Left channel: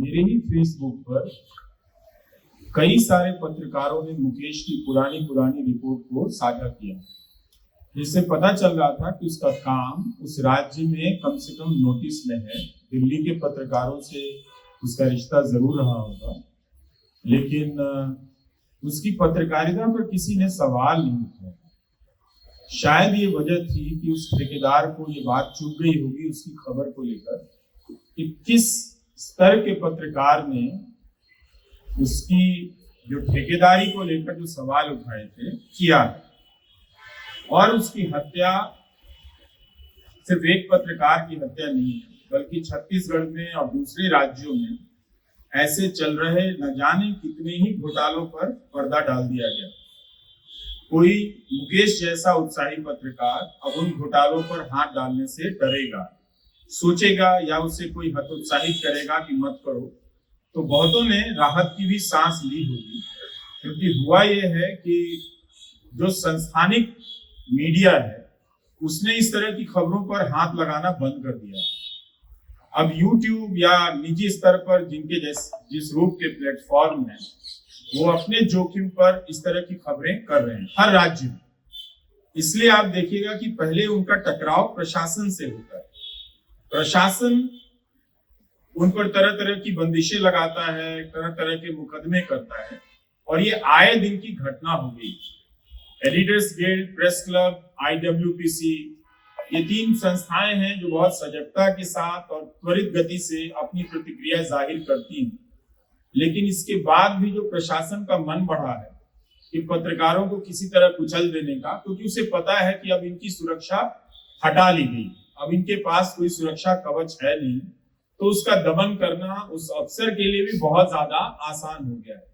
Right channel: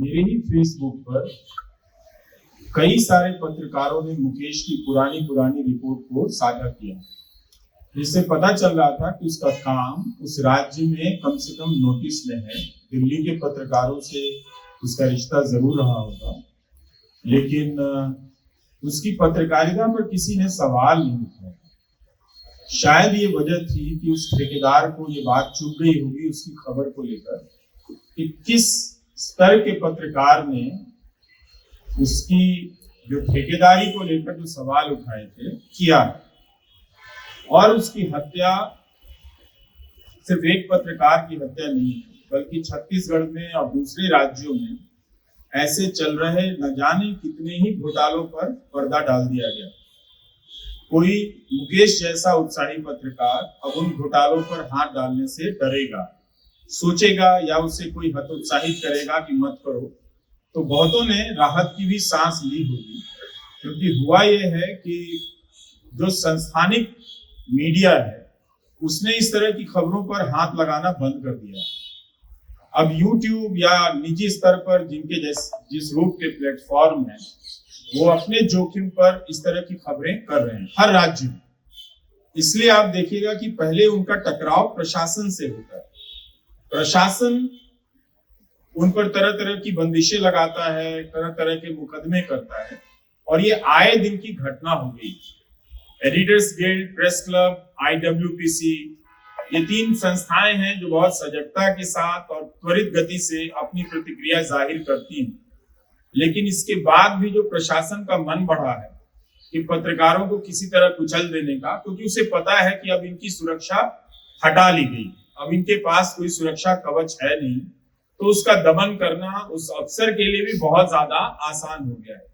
मेरे ही फेसबुक पर कई सारे पत्रकारों ने मुकेश की पुरानी रिपोर्ट को साझा किया, जिससे पता चल रहा था कि उसका काम उस राज्य में कम से कम नोटिस में है। दिल्ली के पत्रकारों से उसका रिश्ता जरूर रहा होगा, लेकिन उसकी पत्रकारिता पर किसी ने सवाल नहीं उठाया। शायद ये वजह थी कि उस ठेकेदार को ये बात चुभ गई होगी उसकी खबर को लेकर कि किस स्तर के पत्रकार ने उसकी जो ठेकेदारी को लेकर जो सवाल उठाए थे किया, और उसकी हत्या सिर्फ एक पत्रकार की हत्या नहीं है, बल्कि छत्तीसगढ़ में और दूसरे राज्यों में ऐसे चल रहे न जाने कितने ही घोटालों पर पर्दा डाल दिया गया। कोई मुकेश जैसा उत्साही पत्रकार अब उन घोटालों पर हाथ डालने से डरेगा, सोचेगा या उसे कोई हतोत्साहित करेगा कि मत करो, तो बहुतों ने राहत की भी सांस ली होगी। क्योंकि हुआ यह है कि जो संस्थानिक मीडिया है उसने इस तरह की खबरों पर हाथ लगाना बंद कर दिया। अब YouTube या निजी स्तर पर जिनके जिस रूप के प्लेटफॉर्म है वो अपने जोखिम पर इस तरह की खबरें कर रहे हैं हर राज्य में। इसलिए आप देखिएगा कि पहले उनका टकराव प्रशासन से होता है। प्रशासन उन पर तरह तरह की बंदिशें लगाता है, तरह तरह के मुकदमे करता है, और ये आए दिन की घटना हो गई। Editors guild, press club, IWPC, ये 3 संस्थाएं हैं जो बहुत सजगता के साथ और त्वरित गति से अपनी प्रतिक्रिया जाहिर करती हैं। लेकिन इसके बाद भी जो प्रशासन का मन बढ़ा है कि पत्रकारों को किसी तरह कुचल देने का, क्योंकि उसे पता है कि अब इनकी सुरक्षा हटा ली गई, अब इनके पास कोई सुरक्षा कवच है नहीं, तो उसका दमन करना उस अफसर के लिए भी बहुत ज्यादा आसान हो गया है।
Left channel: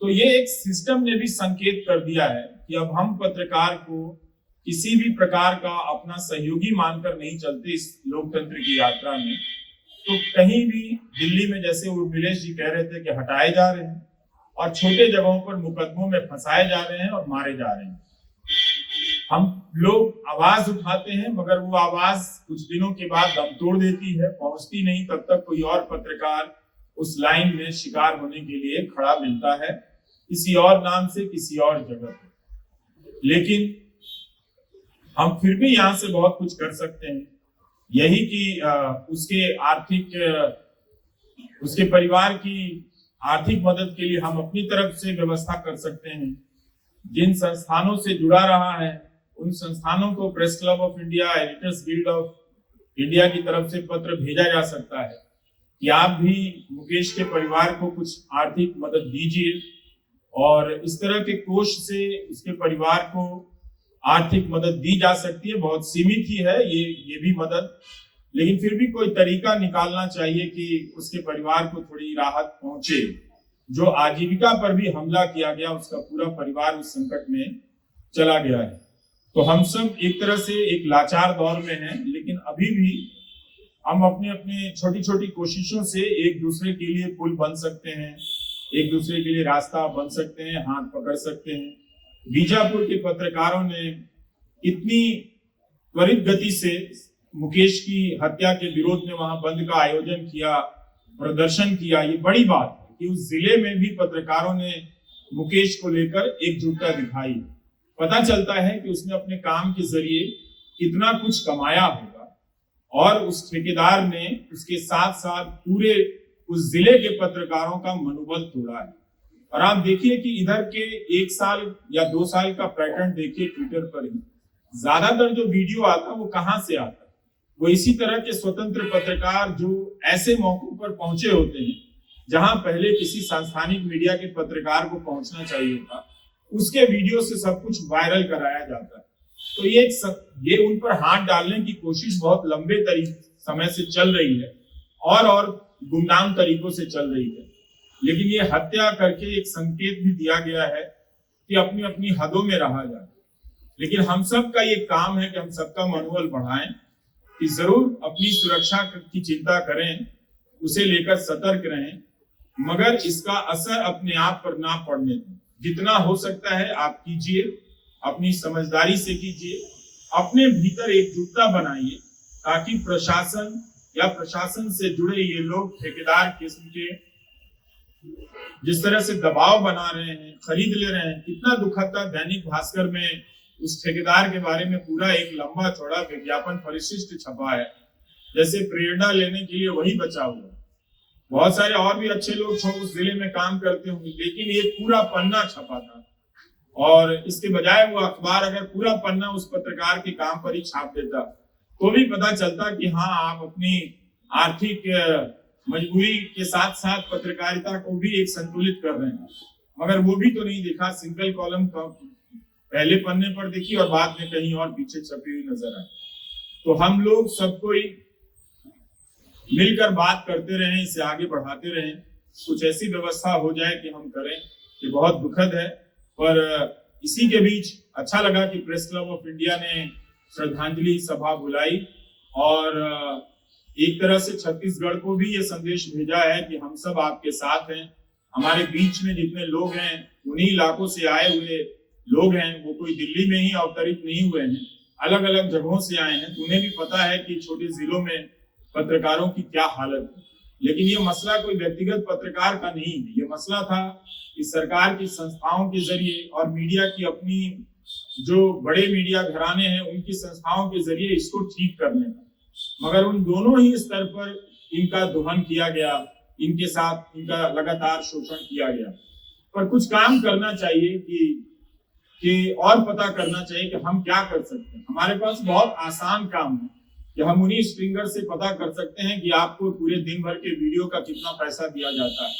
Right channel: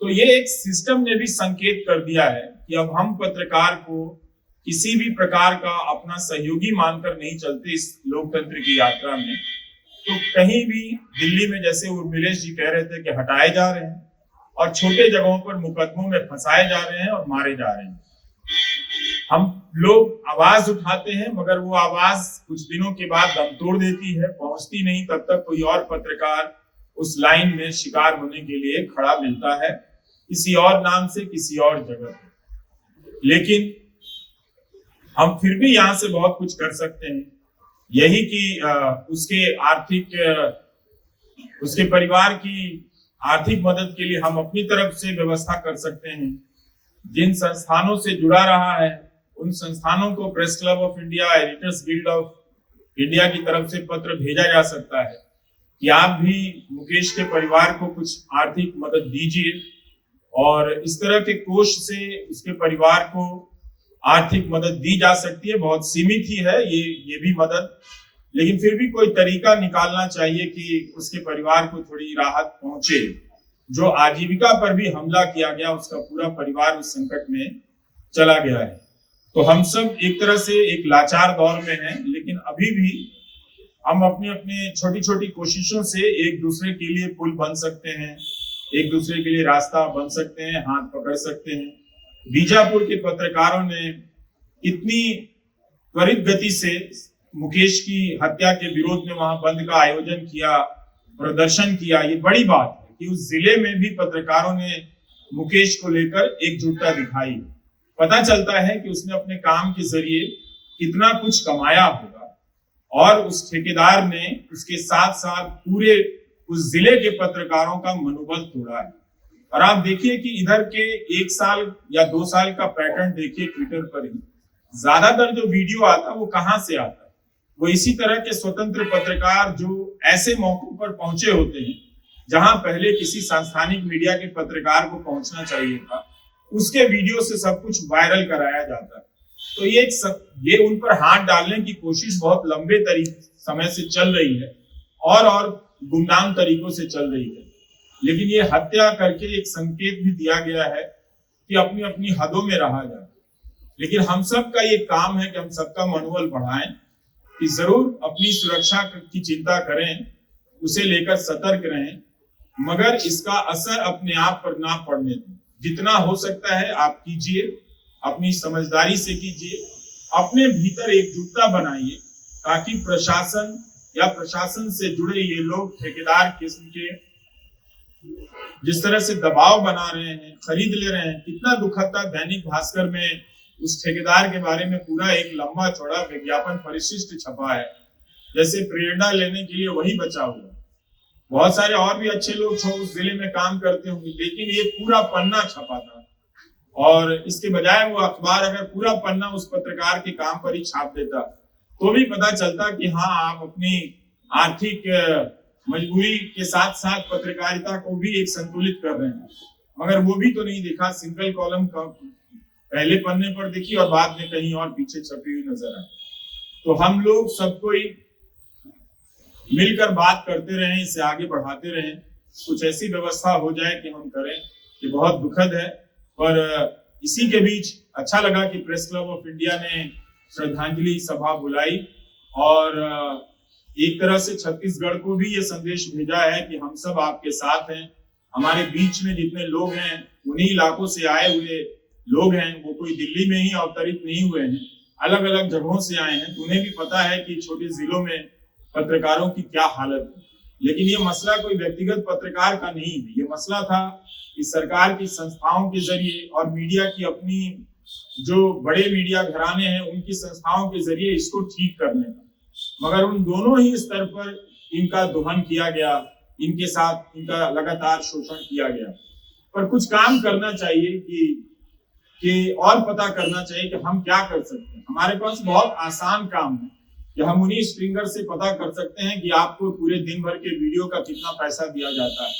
तो ये एक सिस्टम ने भी संकेत कर दिया है कि अब हम पत्रकार को किसी भी प्रकार का अपना सहयोगी मानकर नहीं चलते इस लोकतंत्र की यात्रा में। तो कहीं भी दिल्ली में जैसे उर्मिलेश जी कह रहे थे कि हटाए जा रहे हैं और छोटे जगहों पर मुकदमों में फंसाए जा रहे हैं और मारे जा रहे हैं। हम लोग आवाज उठाते हैं मगर वो आवाज कुछ दिनों के बाद दम तोड़ देती है, पहुंचती नहीं, तब तक कोई और पत्रकार उस लाइन में शिकार होने के लिए खड़ा मिलता है, किसी और नाम से, किसी और जगह पे। लेकिन हम फिर भी यहाँ से बहुत कुछ कर सकते हैं। यही कि उसके परिवार की आर्थिक मदद के लिए हम अपनी तरफ से व्यवस्था कर सकते हैं। जिन संस्थानों से जुड़ा रहा है उन संस्थानों को press club of India, editors guild of India की तरफ से पत्र भेजा जा सकता है कि आप भी मुकेश के परिवार को कुछ आर्थिक मदद दीजिए, और इस तरह के कोष से उसके परिवार को आर्थिक मदद दी जा सकती है। बहुत सीमित ही है ये भी मदद, लेकिन फिर भी कोई तरीका निकालना चाहिए कि उसके परिवार को थोड़ी राहत पहुंचे। जो आजीविका पर भी हमला किया गया उसका पूरा परिवार उस संकट में चला गया है। तो हम सब एक तरह से एक लाचार दौर में हैं, लेकिन अभी भी हम अपने अपने छोटी छोटी कोशिशों से एक दूसरे के लिए पुल बन सकते हैं, एक दूसरे के लिए रास्ता बन सकते हैं, हाथ पकड़ सकते हैं। बीजापुर के पत्रकारों ने इतनी त्वरित गति से मुकेश की हत्या के विरोध में वहां बंद का आयोजन किया, प्रदर्शन किया, ये बड़ी बात है कि उस जिले में भी पत्रकारों ने मुकेश को लेकर एकजुटता दिखाई। पता चलता है कि उसने अपने काम के जरिए कितना कुछ कमाया होगा, और उस ठेकेदार ने उसके साथ साथ पूरे उस जिले के पत्रकारों का मनोबल तोड़ा है। और आप देखिए कि इधर के 1 साल या 2 साल का पैटर्न देखिए ट्विटर पर ही, ज्यादातर जो वीडियो आता वो कहाँ से आता, वो इसी तरह के स्वतंत्र पत्रकार जो ऐसे मौकों पर पहुंचे होते हैं जहां पहले किसी सांस्थानिक मीडिया के पत्रकार को पहुंचना चाहिए था, उसके वीडियो से सब कुछ वायरल कराया जाता है। तो ये उन पर हाथ डालने की कोशिश बहुत लंबे समय से चल रही है और गुमनाम तरीकों से चल रही है। लेकिन ये हत्या करके एक संकेत भी दिया गया है कि अपनी अपनी हदों में रहा जाए। लेकिन हम सब का ये काम है कि हम सबका मनोबल बढ़ाएं कि जरूर अपनी सुरक्षा की चिंता करें, उसे लेकर सतर्क रहें, मगर इसका असर अपने आप पर ना पड़ने दें। जितना हो सकता है आप कीजिए, अपनी समझदारी से कीजिए, अपने भीतर एकजुटता बनाइए ताकि प्रशासन या प्रशासन से जुड़े ये लोग ठेकेदार किस्म के जिस तरह से दबाव बना रहे हैं, खरीद ले रहे हैं। कितना दुखद था, दैनिक भास्कर में उस ठेकेदार के बारे में पूरा एक लंबा चौड़ा विज्ञापन परिशिष्ट छपा है, जैसे प्रेरणा लेने के लिए वही बचा हुआ। बहुत सारे और भी अच्छे लोग उस जिले में काम करते होंगे, लेकिन ये पूरा पन्ना छपा था। और इसके बजाय वो अखबार अगर पूरा पन्ना उस पत्रकार के काम पर ही छाप देता तो भी पता चलता कि हाँ, आप अपनी आर्थिक मजबूरी के साथ साथ पत्रकारिता को भी एक संतुलित कर रहे हैं। मगर वो भी तो नहीं दिखा। सिंगल कॉलम का पहले पन्ने पर देखी और बाद में कहीं और पीछे छपी हुई नजर आई। तो हम लोग सबको मिलकर बात करते रहें, इसे आगे बढ़ाते रहें, कुछ ऐसी व्यवस्था हो जाए कि हम करें। ये बहुत दुखद है, पर इसी के बीच अच्छा लगा कि प्रेस क्लब ऑफ इंडिया ने श्रद्धांजलि सभा बुलाई और एक तरह से छत्तीसगढ़ को भी ये संदेश भेजा है कि हम सब आपके साथ हैं। हमारे बीच में जितने लोग हैं उन्हीं इलाकों से आए हुए लोग हैं, वो कोई दिल्ली में ही अवतरित नहीं हुए हैं, अलग अलग जगहों से आए हैं। तो उन्हें भी पता है कि छोटे जिलों में पत्रकारों की क्या हालत है। लेकिन ये मसला कोई व्यक्तिगत पत्रकार का नहीं है, ये मसला था कि सरकार की संस्थाओं के जरिए और मीडिया की अपनी जो बड़े मीडिया घराने हैं उनकी संस्थाओं के जरिए इसको ठीक करने का। मगर उन दोनों ही स्तर पर इनका दोहन किया गया, इनके साथ इनका लगातार शोषण किया गया। पर कुछ काम करना चाहिए कि और पता करना चाहिए कि हम क्या कर सकते हैं। हमारे पास बहुत आसान काम है कि हम उन्हीं स्ट्रिंगर से पता कर सकते हैं कि आपको पूरे दिन भर के वीडियो का कितना पैसा दिया जाता है,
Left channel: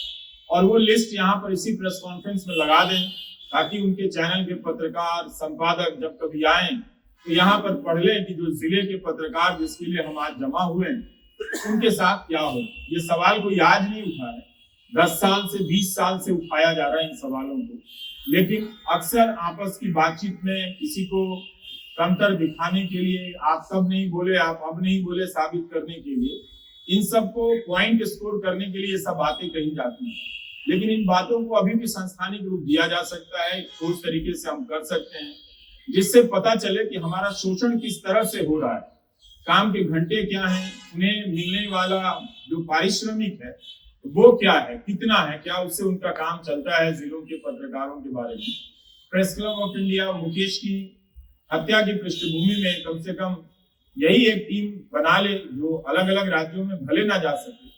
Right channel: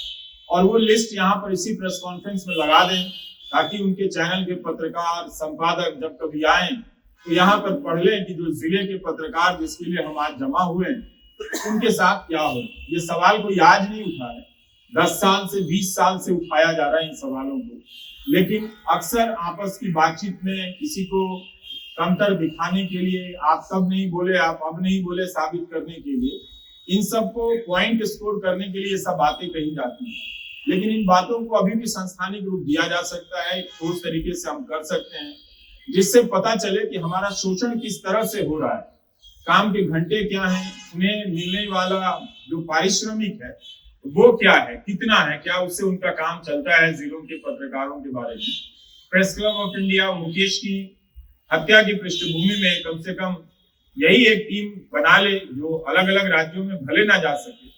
और वो लिस्ट यहाँ पर इसी प्रेस कॉन्फ्रेंस में लगा दें ताकि उनके चैनल के पत्रकार संपादक जब कभी आए तो यहाँ पर पढ़ लें कि जो जिले के पत्रकार जिसके लिए हम आज जमा हुए हैं उनके साथ क्या हो। ये सवाल कोई आज नहीं उठा है, 10 साल से 20 साल से उठाया जा रहा है इन सवालों को। लेकिन अक्सर आपस की बातचीत में किसी को कमतर दिखाने के लिए, आप सब नहीं बोले, आप अब नहीं बोले साबित करने के लिए, इन सबको पॉइंट स्कोर करने के लिए ये सब बातें कही जाती हैं। लेकिन इन बातों को अभी भी संस्थानिक रूप दिया जा सकता है, ठोस तरीके से हम कर सकते हैं, जिससे पता चले कि हमारा शोषण किस तरह से हो रहा है, काम के घंटे क्या हैं, उन्हें मिलने वाला जो पारिश्रमिक है वो क्या है, कितना है, क्या उससे उनका काम चलता है जिलों के पत्रकारों के बारे में। Press club of India Mukesh की हत्या की पृष्ठभूमि में कम से कम यही एक टीम बना ले जो अलग अलग राज्यों में भले ना जा सके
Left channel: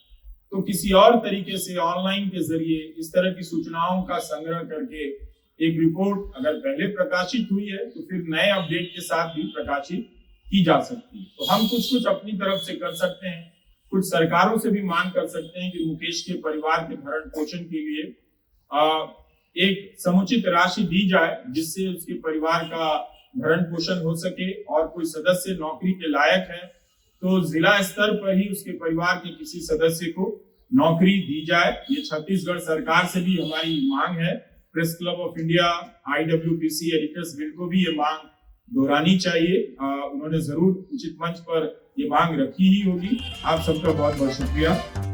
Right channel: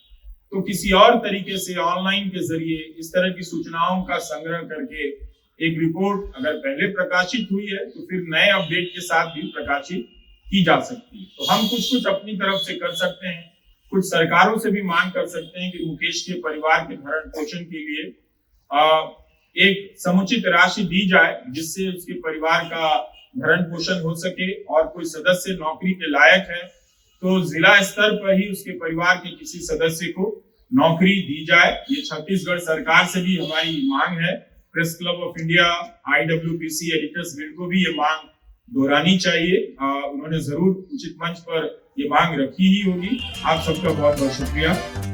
तो किसी और तरीके से ऑनलाइन के जरिए इस तरह की सूचनाओं का संग्रह करके एक रिपोर्ट अगर पहले प्रकाशित हुई है तो फिर नए अपडेट के साथ भी प्रकाशित की जा सकती है। तो हम कुछ अपनी तरफ से कर सकते हैं, कुछ सरकारों से भी मांग कर सकते हैं कि मुकेश के परिवार के भरण पोषण के लिए एक समुचित राशि दी जाए जिससे उसके परिवार का भरण पोषण हो सके, और कोई सदस्य नौकरी के लायक है तो जिला स्तर पर ही उसके परिवार के किसी सदस्य को नौकरी दी जाए। ये छत्तीसगढ़ सरकार से भी हमारी मांग है। Press club of India, IWPC editors guild को भी ये मांग दोहरानी चाहिए। उन्होंने जरूर उचित मंच पर ये मांग रखी ही होगी। आप सबका बहुत बहुत शुक्रिया।